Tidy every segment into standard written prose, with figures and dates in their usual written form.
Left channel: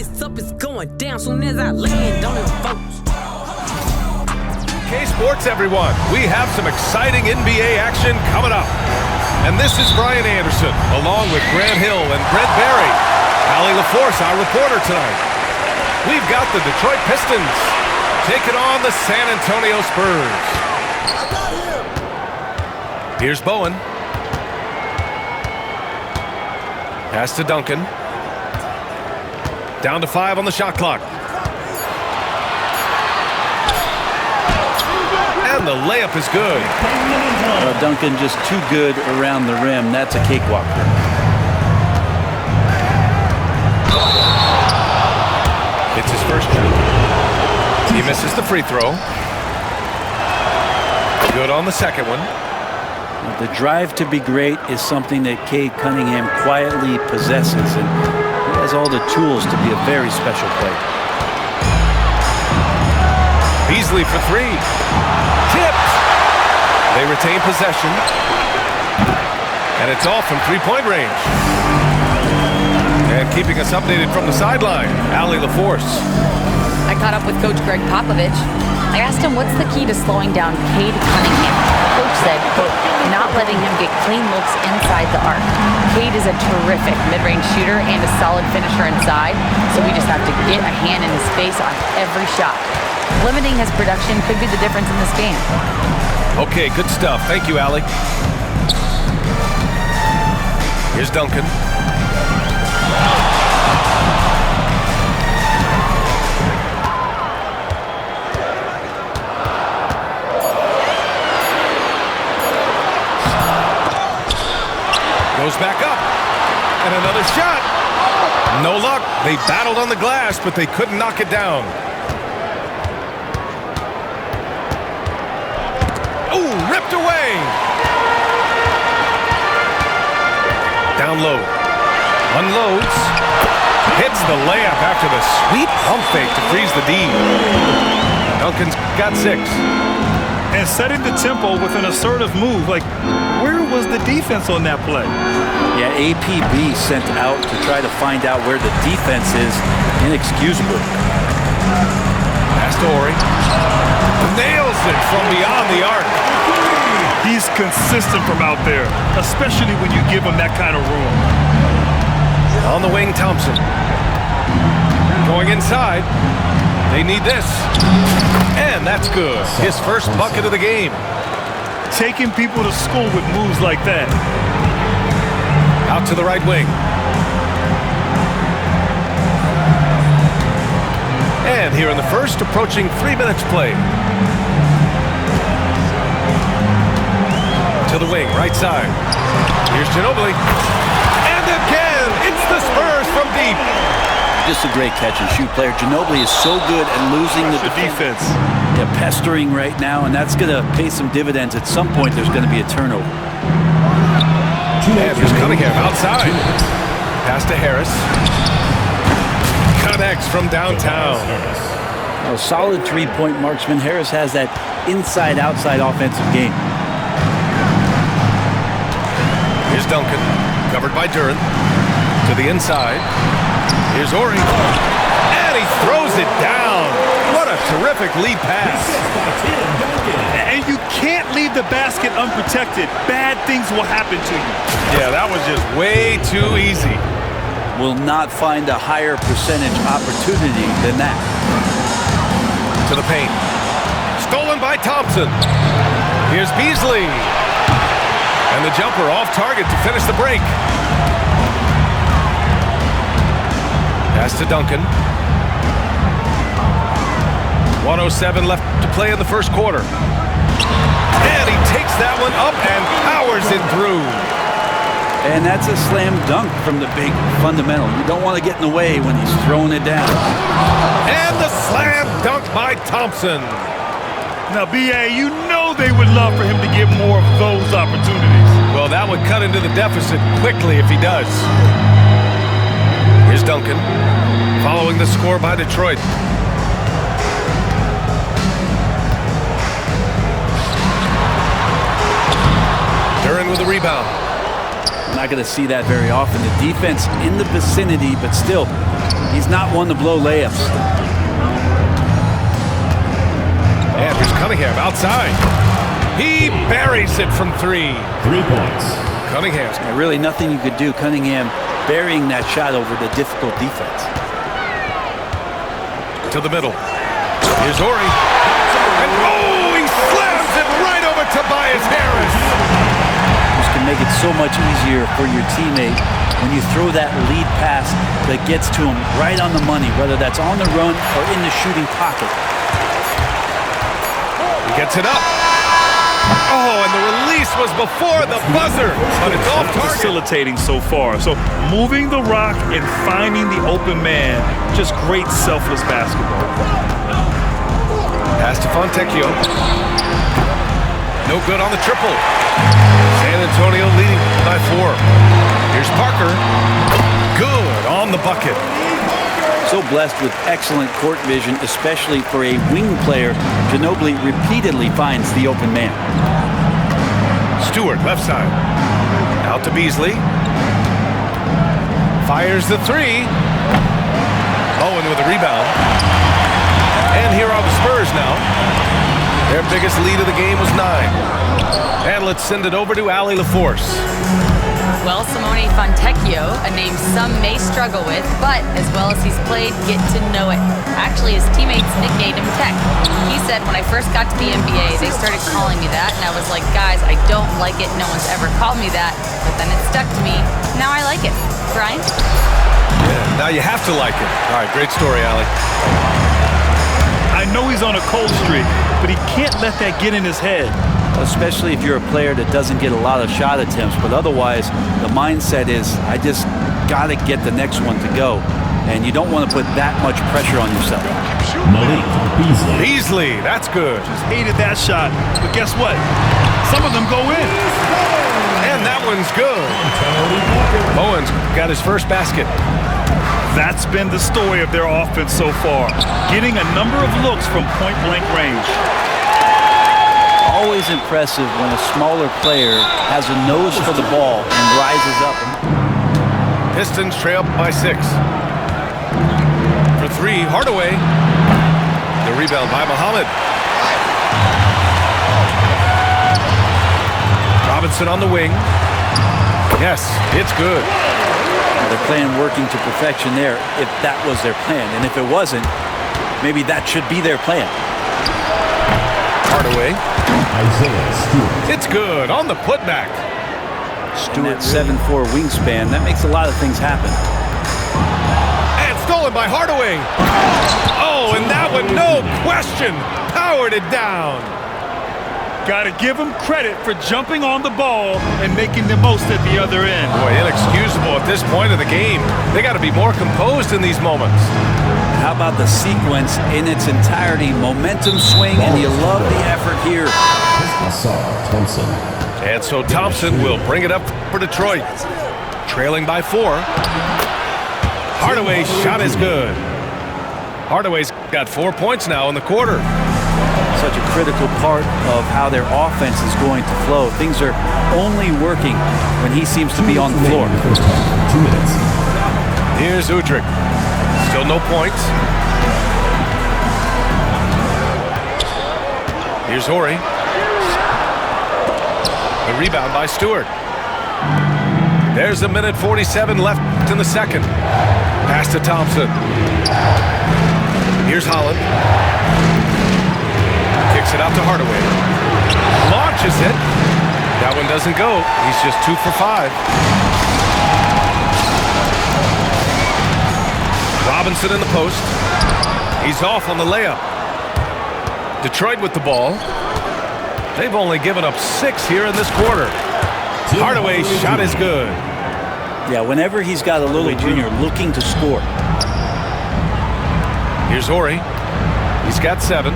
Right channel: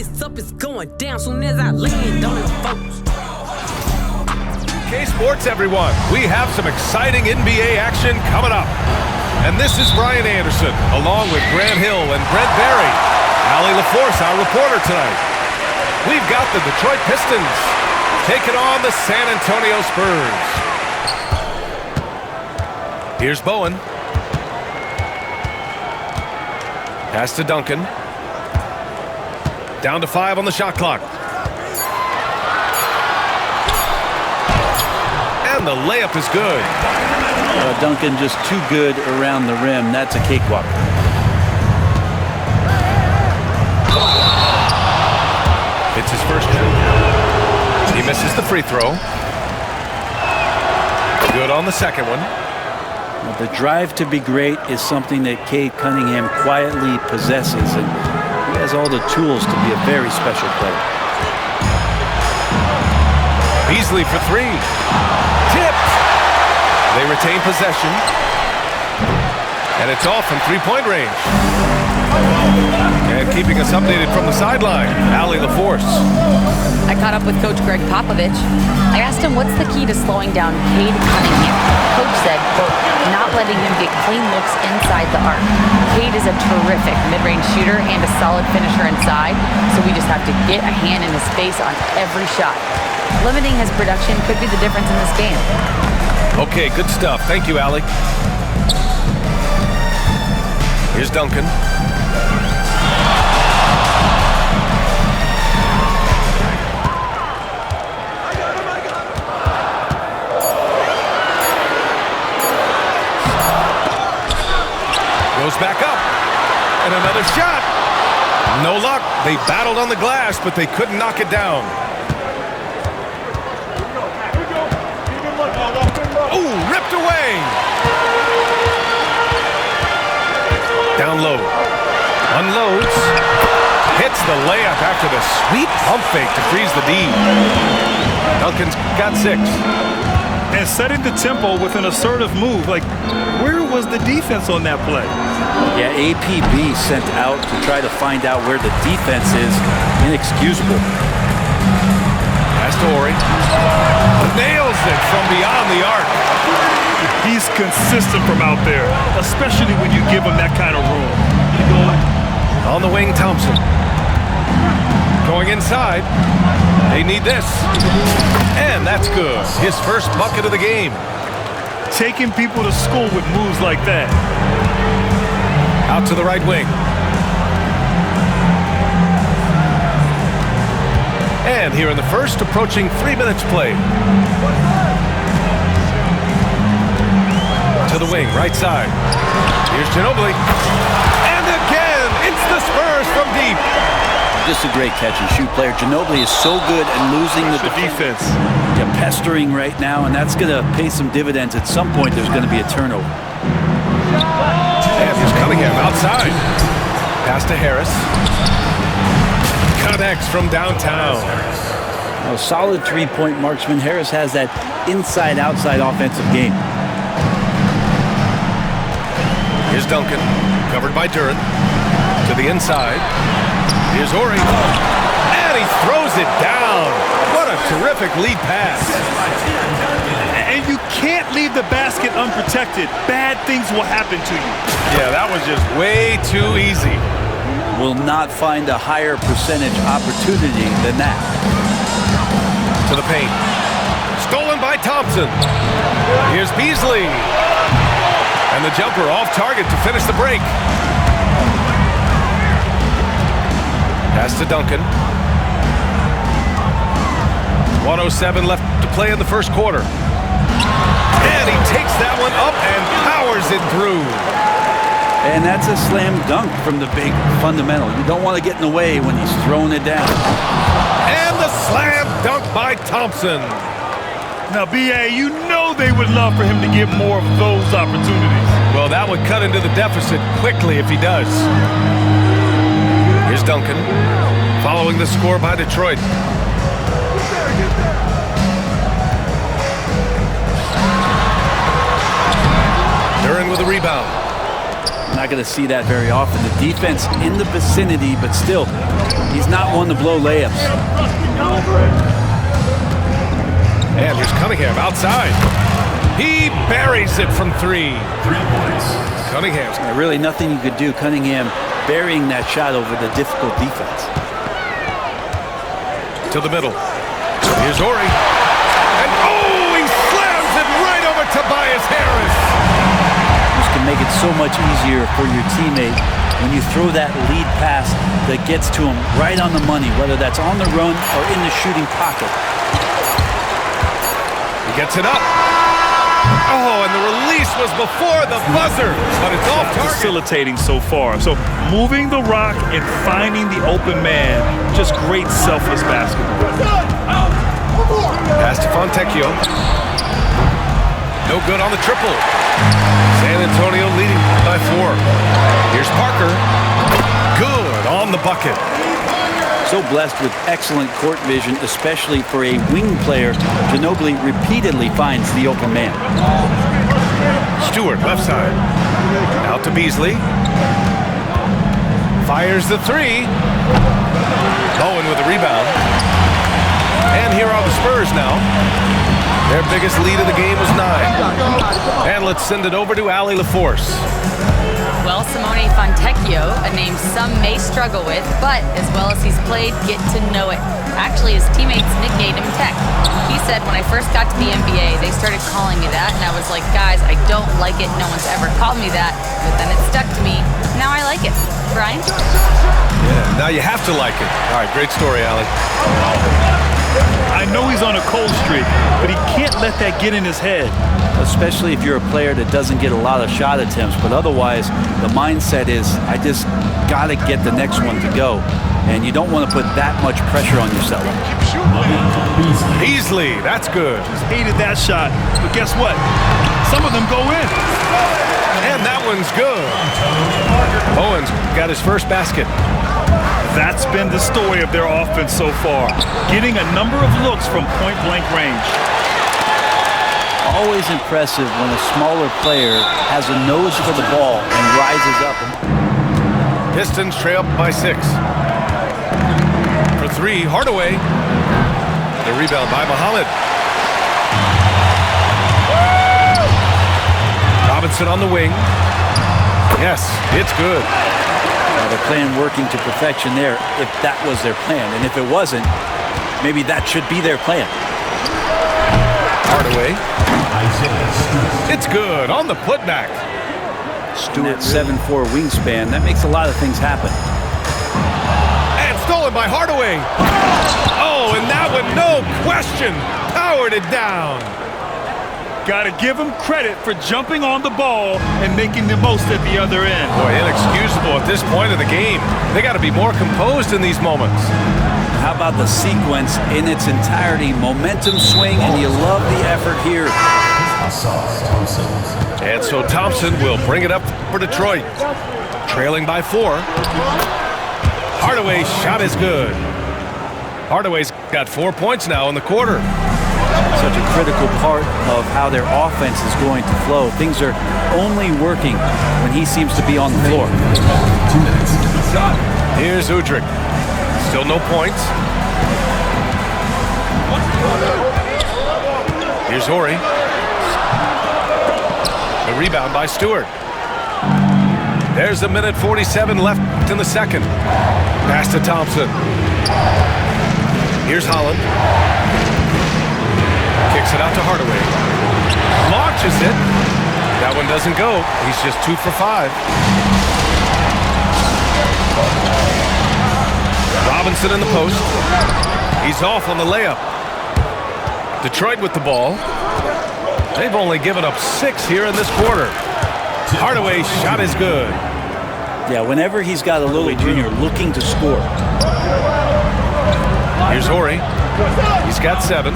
it's up, it's going down. Soon as I land on them folks. K-Sports, everyone. We have some exciting NBA action coming up. And this is Brian Anderson, along with Grant Hill and Brent Barry. Allie LaForce, our reporter tonight. We've got the Detroit Pistons taking on the San Antonio Spurs. Here's Bowen. Pass to Duncan. Down to 5 on the shot clock. And the layup is good. Duncan just too good around the rim. That's a cakewalk for him. It's his first trip. He misses the free throw. Good on the second one. Now, the drive to be great is something that Cade Cunningham quietly possesses, and he has all the tools to be a very special player. Beasley for 3. Tipped. They retain possession. And it's off from three-point range. And keeping us updated from the sideline, Allie LaForce. I caught up with Coach Greg Popovich. I asked him what's the key to slowing down Cade Cunningham. Coach said, quote, not letting him get clean looks inside the arc. Cade is a terrific mid-range shooter and a solid finisher inside, so we just have to get a hand in his face on every shot. Limiting his production could be the difference in this game. Okay, good stuff. Thank you, Allie. Here's Duncan. Goes back up. And another shot. No luck. They battled on the glass, but they couldn't knock it down. Oh, ripped away. Down low. Unloads. Hits the layup after the sweet pump fake to freeze the D. Duncan's got 6. And setting the tempo with an assertive move. Like, where was the defense on that play? Yeah, APB sent out to try to find out where the defense is. Inexcusable. Pass to Horry. Nails it from beyond the arc. He's consistent from out there, especially when you give him that kind of room. On the wing, Thompson. Going inside. They need this. And that's good. His first bucket of the game. Taking people to school with moves like that. Out to the right wing. And here in the first, approaching 3 minutes play. To the wing, right side. Here's Ginobili. And again, it's the Spurs from deep. Just a great catch-and-shoot player. Ginobili is so good at losing the defense. Yeah, pestering right now, and that's going to pay some dividends. At some point, there's going to be a turnover. And here's Cunningham outside. Pass to Harris. Connects from downtown. A solid three-point marksman. Harris has that inside-outside offensive game. Here's Duncan, covered by Duran. To the inside. Here's Horry. And he throws it down. What a terrific lead pass. And you can't leave the basket unprotected. Bad things will happen to you. Yeah, that was just way too easy. Will not find a higher percentage opportunity than that. To the paint. Stolen by Thompson. Here's Beasley. And the jumper off target to finish the break. Pass to Duncan. 1:07 left to play in the first quarter. And he takes that one up and powers it through. And that's a slam dunk from the big fundamental. You don't want to get in the way when he's throwing it down. And the slam dunk by Thompson. Now, B.A., you know they would love for him to get more of those opportunities. Well, that would cut into the deficit quickly if he does. Here's Duncan, following the score by Detroit. Duran with a rebound. We're not going to see that very often. The defense in the vicinity, but still He's not one to blow layups. And here's Cunningham outside. He buries it from 3. 3 points. Cunningham's Really nothing you could do. Cunningham burying that shot over the difficult defense. to the middle. Here's Ori. And oh, he slams it right over Tobias Harris. This can make it so much easier for your teammate when you throw that lead pass that gets to him right on the money, whether that's on the run or in the shooting pocket. He gets it up. Oh, and the release was before the buzzer, but it's off target. Facilitating so far. So moving the rock and finding the open man, just great selfless basketball. Pass to Fontecchio. No good on the triple. San Antonio leading by 4. Here's Parker. Good on the bucket. So blessed with excellent court vision, especially for a wing player. Ginobili repeatedly finds the open man. Stewart, left side. Out to Beasley. Fires the 3. Bowen with a rebound. And here are the Spurs now. Their biggest lead of the game was 9. And let's send it over to Allie LaForce. Well, Simone Fontecchio, a name some may struggle with, but as well as he's played, get to know it. Actually, his teammates nicknamed him Tech. He said, when I first got to the NBA, they started calling me that, and I was like, guys, I don't like it. No one's ever called me that, but then it stuck to me. Now I like it. Brian? Yeah, now you have to like it. All right, great story, Allie. I know he's on a cold streak, but he can't let that get in his head. Especially if you're a player that doesn't get a lot of shot attempts, but otherwise the mindset is, I just got to get the next one to go, and you don't want to put that much pressure on yourself. Beasley, that's good. Just hated that shot, but guess what? Some of them go in. And that one's good. Bowen's got his first basket. That's been the story of their offense so far, getting a number of looks from point-blank range. Always impressive when a smaller player has a nose for the ball and rises up. Pistons trail by 6. For 3, Hardaway. The rebound by Muhammad. Robinson on the wing. Yes, it's good. Now they're playing working to perfection there, if that was their plan. And if it wasn't, maybe that should be their plan. Hardaway. It's good on the putback. Stewart, 7'4" wingspan. That makes a lot of things happen. And stolen by Hardaway. Oh, and that one, no question, powered it down. Got to give him credit for jumping on the ball and making the most at the other end. Boy, inexcusable at this point of the game. They got to be more composed in these moments. How about the sequence in its entirety? Momentum swing, and you love the effort here. And so Thompson will bring it up for Detroit. Trailing by 4. Hardaway's shot is good. Hardaway's got 4 points now in the quarter. Such a critical part of how their offense is going to flow. Things are only working when he seems to be on the floor. 2 minutes. Here's Udrih. Still no points. Here's Ori. The rebound by Stewart. There's 1:47 left in the second. Pass to Thompson. Here's Holland. Kicks it out to Hardaway. Launches it. That one doesn't go. He's just 2 for 5. Robinson in the post. He's off on the layup. Detroit with the ball. They've only given up 6 here in this quarter. Hardaway's shot is good. Yeah, whenever he's got a little junior looking to score. Here's Ori. He's got 7.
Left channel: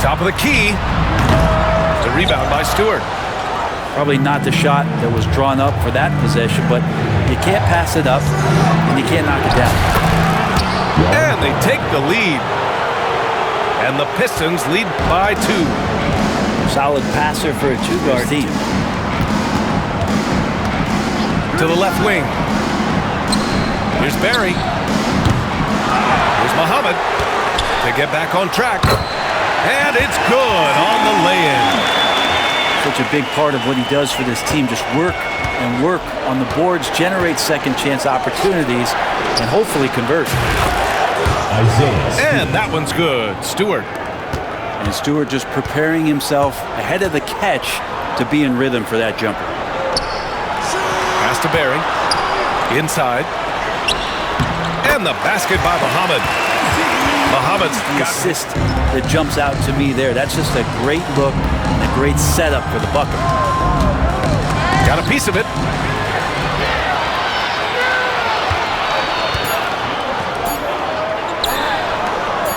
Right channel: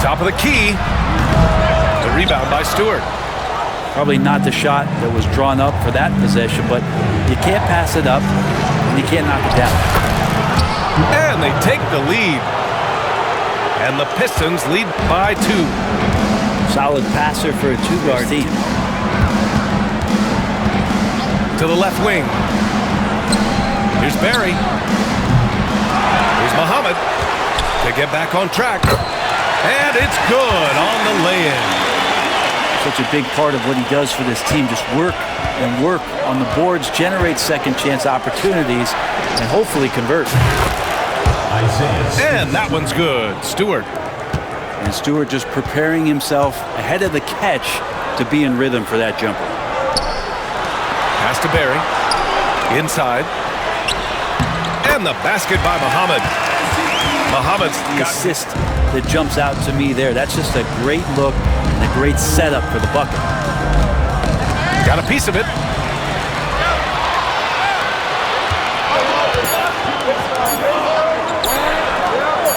Top of the key. The rebound by Stewart. Probably not the shot that was drawn up for that possession, but you can't pass it up and you can't knock it down. And they take the lead. And the Pistons lead by 2. Solid passer for a 2-guard team. To the left wing. Here's Barry. Here's Muhammad to get back on track. And it's good on the lay-in. Such a big part of what he does for this team. Just work and work on the boards, generate second chance opportunities, and hopefully convert. And that one's good. Stewart. And Stewart just preparing himself ahead of the catch to be in rhythm for that jumper. Pass to Barry. Inside. And the basket by Muhammad. Muhammad's the assist that jumps out to me there. That's just a great look and a great setup for the bucket. Got a piece of it.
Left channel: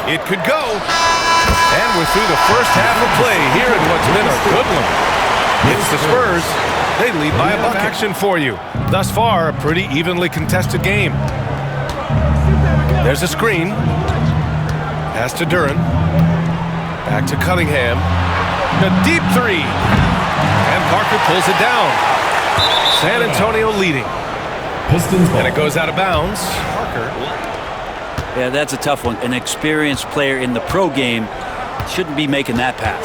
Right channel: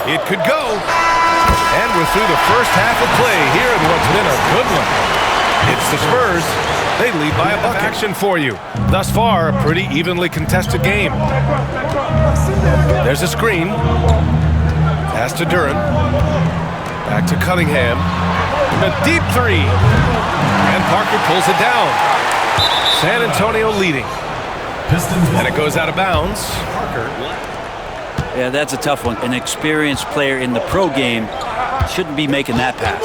It could go. And we're through the first half of play here in what's been a good one. It's the Spurs. They lead by a bucket. Action for you. Thus far, a pretty evenly contested game. There's a screen. Pass to Duran. Back to Cunningham. A deep three. And Parker pulls it down. San Antonio leading. Pistons ball. And it goes out of bounds. Parker. Yeah, that's a tough one. An experienced player in the pro game shouldn't be making that pass.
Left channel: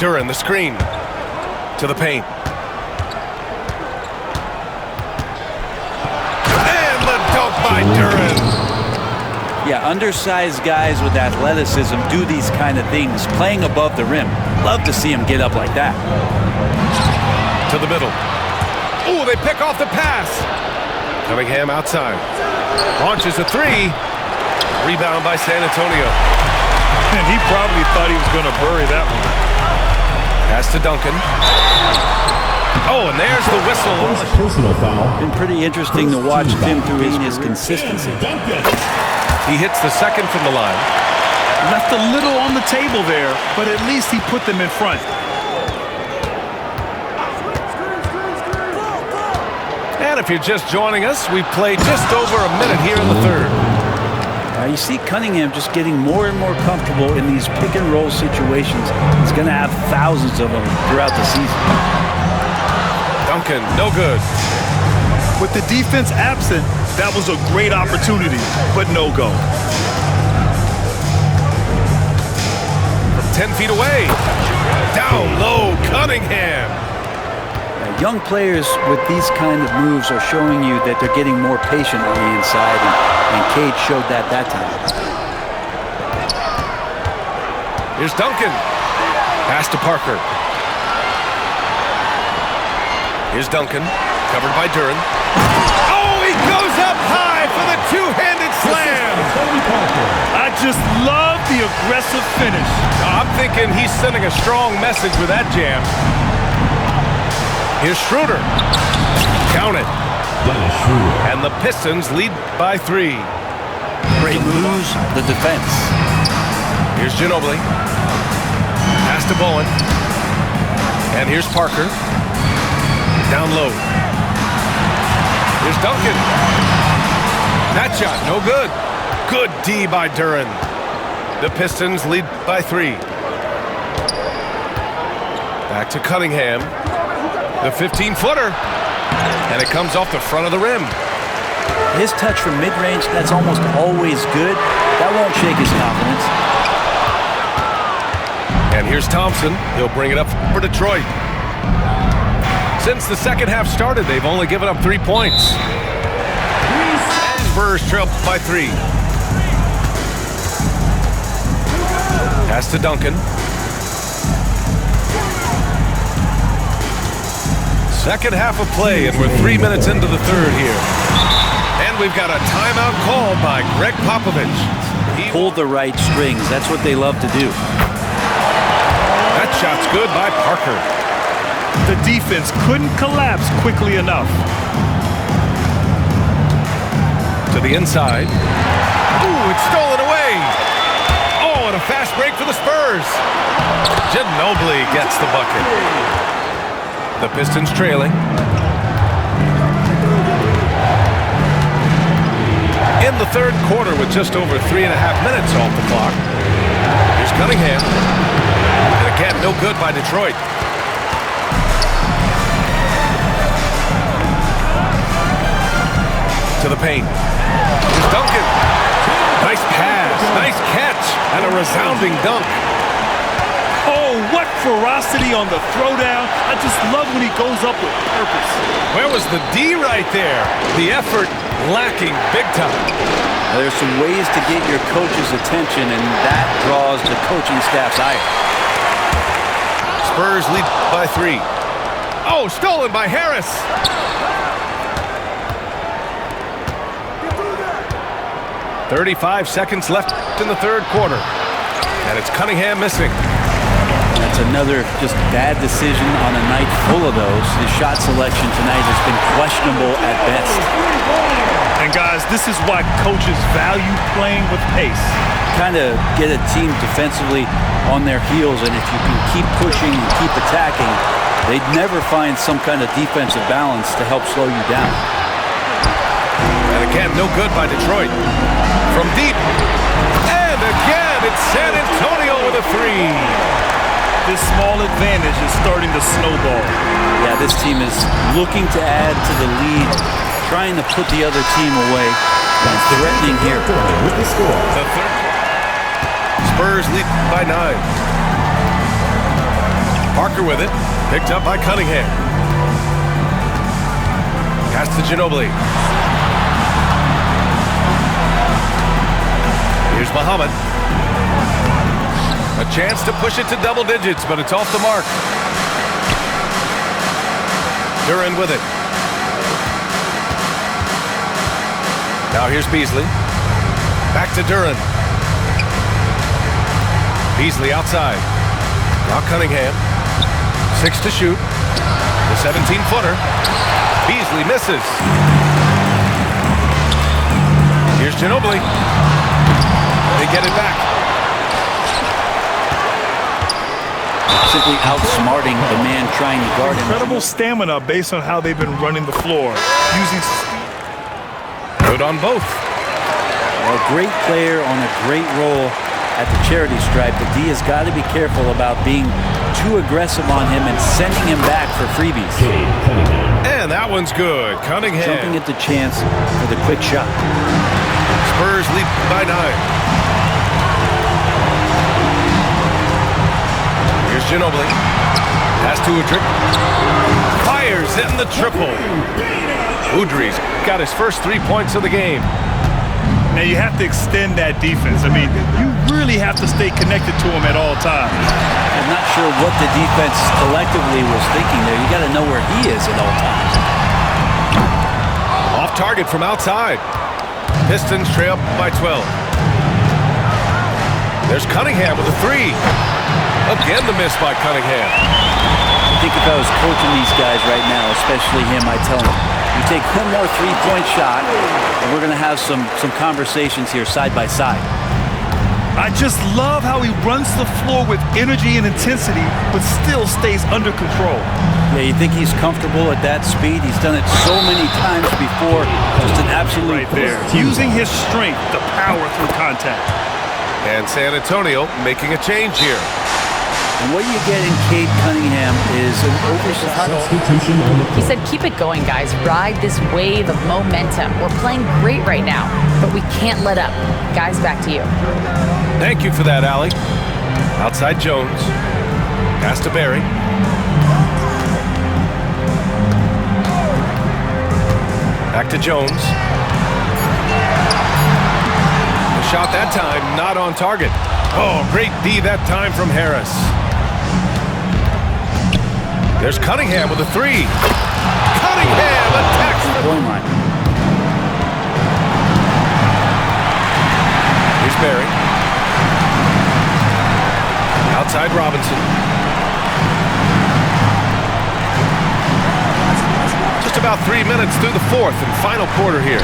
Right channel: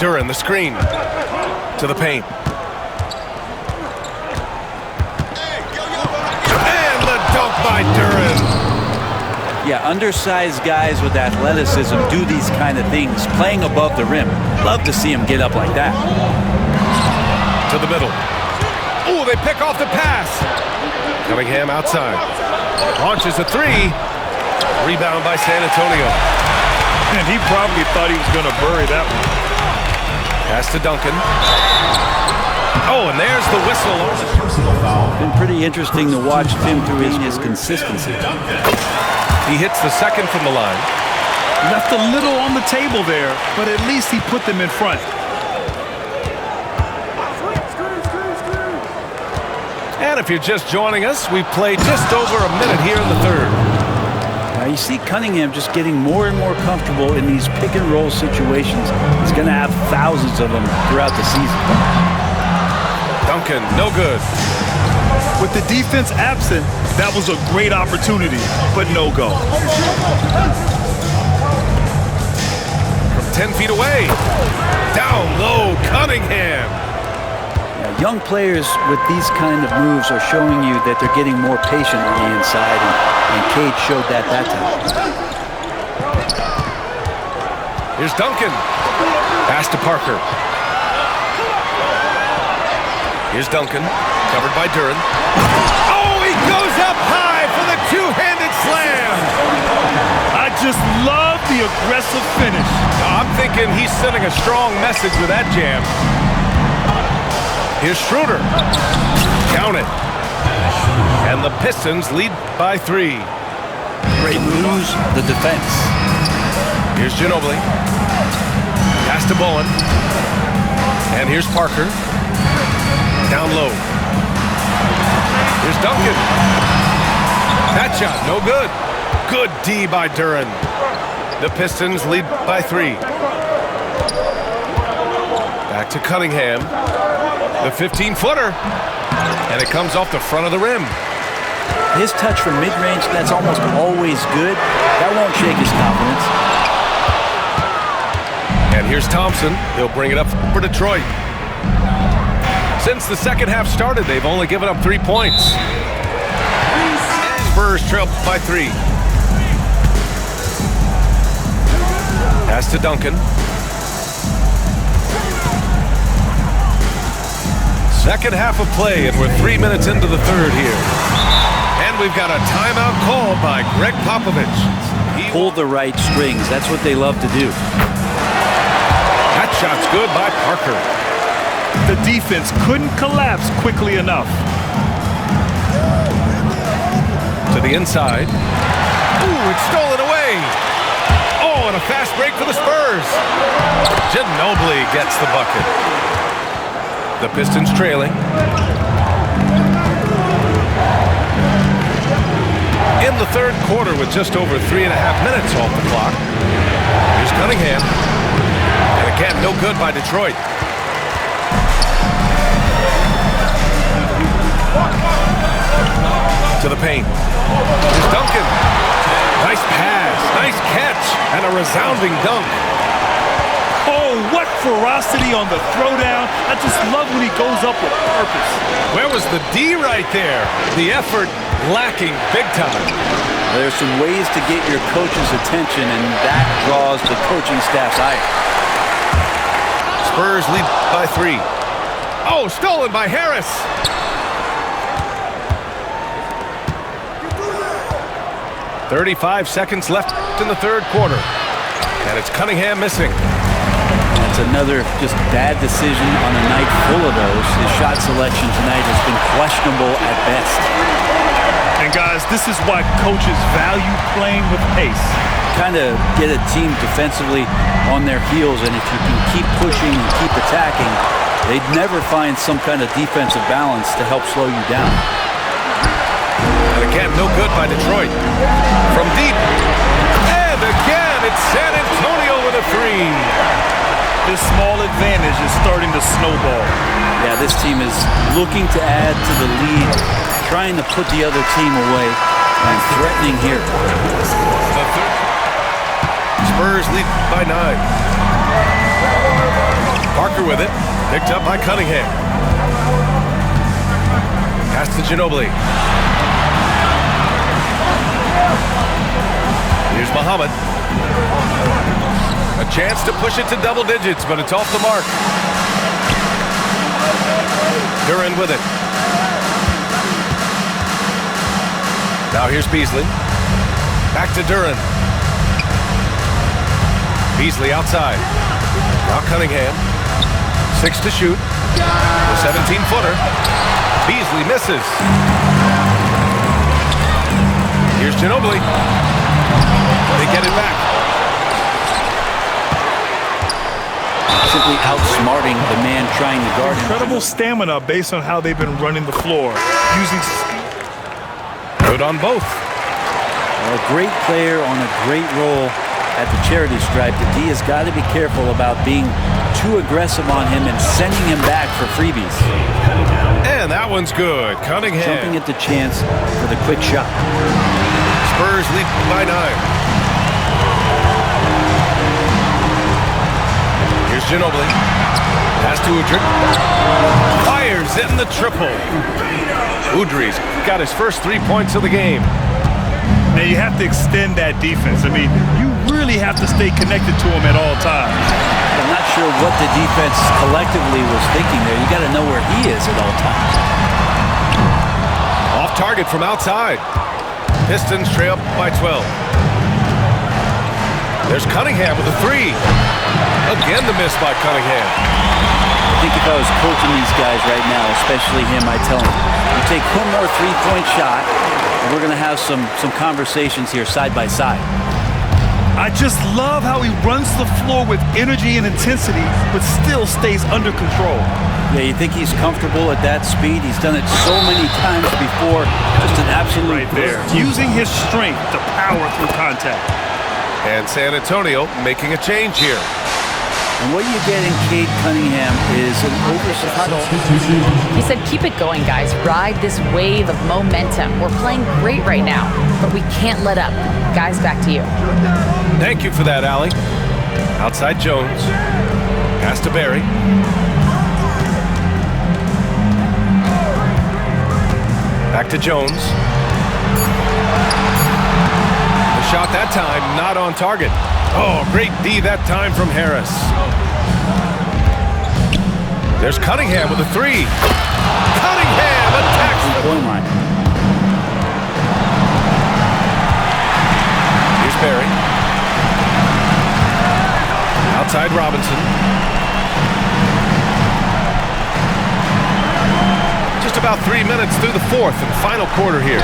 Duran, the screen. To the paint. And the dunk by Duran. Yeah, undersized guys with athleticism do these kind of things, playing above the rim. Love to see him get up like that. To the middle. Oh, they pick off the pass. Cunningham outside. Launches a three. Rebound by San Antonio. And he probably thought he was going to bury that one. Pass to Duncan. Oh, and there's the whistle. Personal foul. Been pretty interesting to watch Tim through his consistency. He hits the second from the line. Left a little on the table there, but at least he put them in front. And if you're just joining us, we've played just over a minute here in the third. You see Cunningham just getting more and more comfortable in these pick and roll situations. He's going to have thousands of them throughout the season. Duncan, no good. With the defense absent, that was a great opportunity, but no go. From 10 feet away. Down low, Cunningham. Yeah, young players with these kind of moves are showing you that they're getting more patient on the inside, and Cade showed that time. Here's Duncan. Pass to Parker. Here's Duncan, covered by Duran. Oh, he goes up high for the two-handed slam. I just love the aggressive finish. I'm thinking he's sending a strong message with that jam. Here's Schroeder. Count it. And the Pistons lead by 3. Great lose the defense. Here's Ginobili. Pass to Bowen. And here's Parker. Down low. Here's Duncan. That shot, no good. Good D by Duran. The Pistons lead by 3. Back to Cunningham. The 15-footer. And it comes off the front of the rim. His touch from mid-range, that's almost always good. That won't shake his confidence. And here's Thompson. He'll bring it up for Detroit. Since the second half started, they've only given up 3 points. Spurs trail by 3. Pass to Duncan. Second half of play, and we're 3 minutes into the third here. And we've got a timeout called by Greg Popovich. He pulled the right strings. That's what they love to do. That shot's good by Parker. The defense couldn't collapse quickly enough. To the inside. Ooh, it's stolen away. Oh, and a fast break for the Spurs. Ginobili gets the bucket. The Pistons trailing. In the third quarter with just over 3.5 minutes off the clock. Here's Cunningham. And again, no good by Detroit. to the paint. Here's Duncan. Nice pass, nice catch, and a resounding dunk. Oh, what ferocity on the throwdown. I just love when he goes up with purpose. Where was the D right there? The effort lacking big time. There's some ways to get your coach's attention, and that draws the coaching staff's ire. Spurs lead by 3. Oh, stolen by Harris. "35 seconds left in the third quarter. And it's Cunningham missing. That's another just bad decision on a night full of those. His shot selection tonight has been questionable at best. And guys, this is why coaches value playing with pace. Kind of get a team defensively on their heels, and if you can keep pushing and keep attacking, they'd never find some kind of defensive balance to help slow you down. And again, no good by Detroit. From deep. And again, it's San Antonio with a 3. This small advantage is starting to snowball. Yeah, this team is looking to add to the lead, trying to put the other team away, and threatening here. The third. Spurs lead by 9. Parker with it. Picked up by Cunningham. Pass to Ginobili. Here's Muhammad. A chance to push it to double digits, but it's off the mark. Duran with it. Now here's Beasley. Back to Duran. Beasley outside. Now Cunningham. 6 to shoot. The 17-footer. Beasley misses. Here's Ginobili. They get it back. Simply outsmarting the man trying to guard him. Incredible stamina based on how they've been running the floor. Using speed. Good on both. Well, a great player on a great role at the charity stripe. The D has got to be careful about being too aggressive on him and sending him back for freebies. And that one's good. Cunningham. Jumping at the chance for the quick shot. Spurs lead by 9. Here's Ginobili. Pass to Udrih. Fires in the triple. Udrih's got his first 3 points of the game. Now you have to extend that defense. I mean, you really have to stay connected to him at all times. I'm not sure what the defense collectively was thinking there. You got to know where he is at all times. Off target from outside. Pistons trail by 12. There's Cunningham with a 3. Again, the miss by Cunningham. I think if I was coaching these guys right now, especially him, I'd tell him, you take one more three-point shot, and we're going to have some conversations here side by side. I just love how he runs the floor with energy and intensity, but still stays under control. Yeah, you think he's comfortable at that speed? He's done it so many times before. Just an absolute right there. Using his strength to power through contact. And San Antonio making a change here. And what you get in Cade Cunningham is an Vicious huddle. He said, keep it going, guys. Ride this wave of momentum. We're playing great right now, but we can't let up. Guys, back to you. Thank you for that, Allie. Outside Jones. Pass to Barry. Back to Jones. The shot that time, not on target. Oh, great D that time from Harris. There's Cunningham with a 3. Cunningham attacks the point line. Here's Barry. Outside Robinson. Just about 3 minutes through the fourth and final quarter here.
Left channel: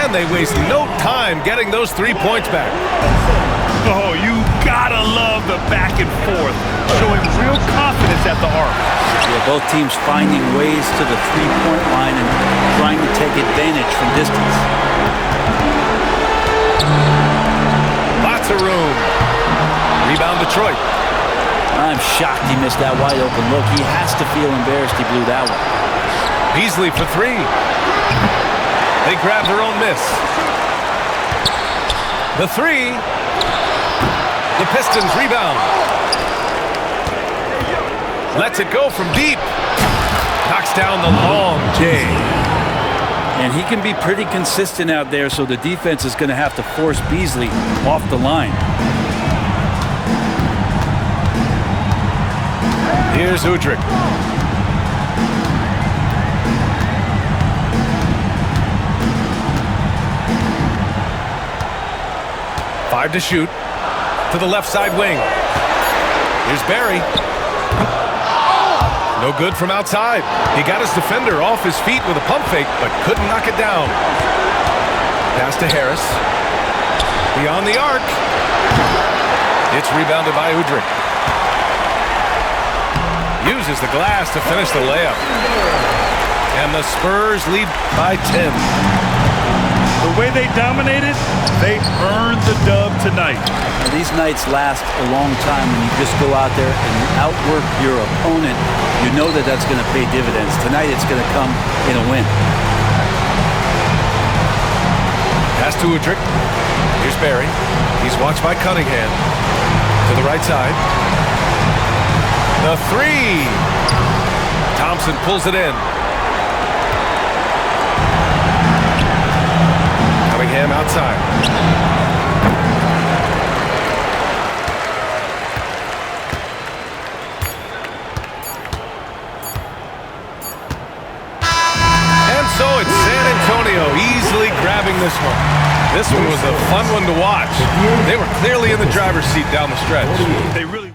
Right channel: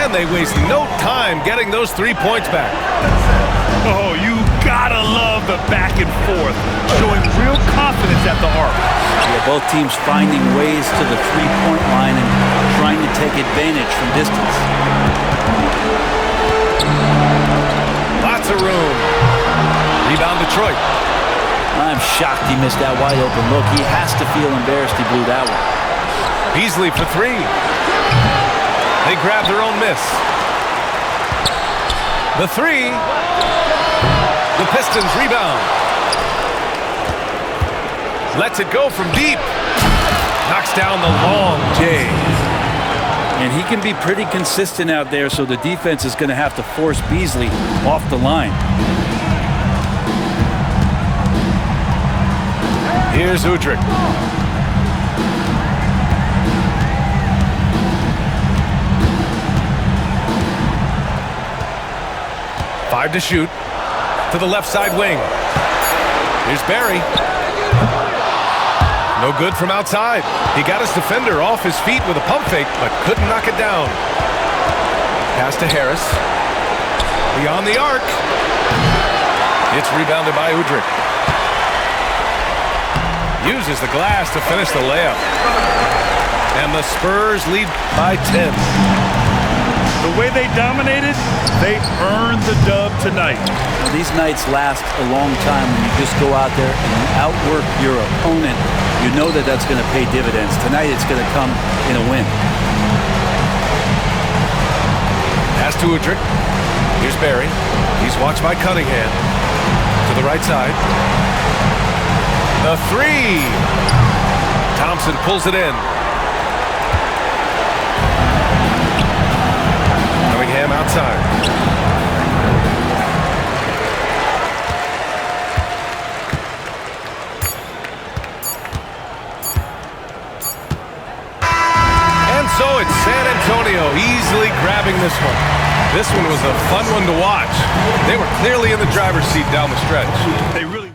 And they waste no time getting those 3 points back. Oh, you gotta love the back and forth, showing real confidence at the arc. Yeah, both teams finding ways to the three-point line and trying to take advantage from distance. Lots of room. Rebound Detroit. I'm shocked he missed that wide open look. He has to feel embarrassed he blew that one. Beasley for 3. They grab their own miss. The three. The Pistons rebound. Lets it go from deep. Knocks down the long J. And he can be pretty consistent out there, so the defense is going to have to force Beasley off the line. Here's Udrih. Five to shoot. To the left side wing. Here's Barry. No good from outside. He got his defender off his feet with a pump fake, but couldn't knock it down. Pass to Harris. Beyond the arc. It's rebounded by Udrih. Uses the glass to finish the layup. And the Spurs lead by 10. The way they dominated, they earned the dub tonight. Now, these nights last a long time when you just go out there and you outwork your opponent. You know that that's going to pay dividends. Tonight it's going to come in a win. Pass to Udrih. Here's Barry. He's watched by Cunningham. To the right side. The three. Thompson pulls it in. Cunningham outside. And so it's San Antonio easily grabbing this one. This one was a fun one to watch. They were clearly in the driver's seat down the stretch. They really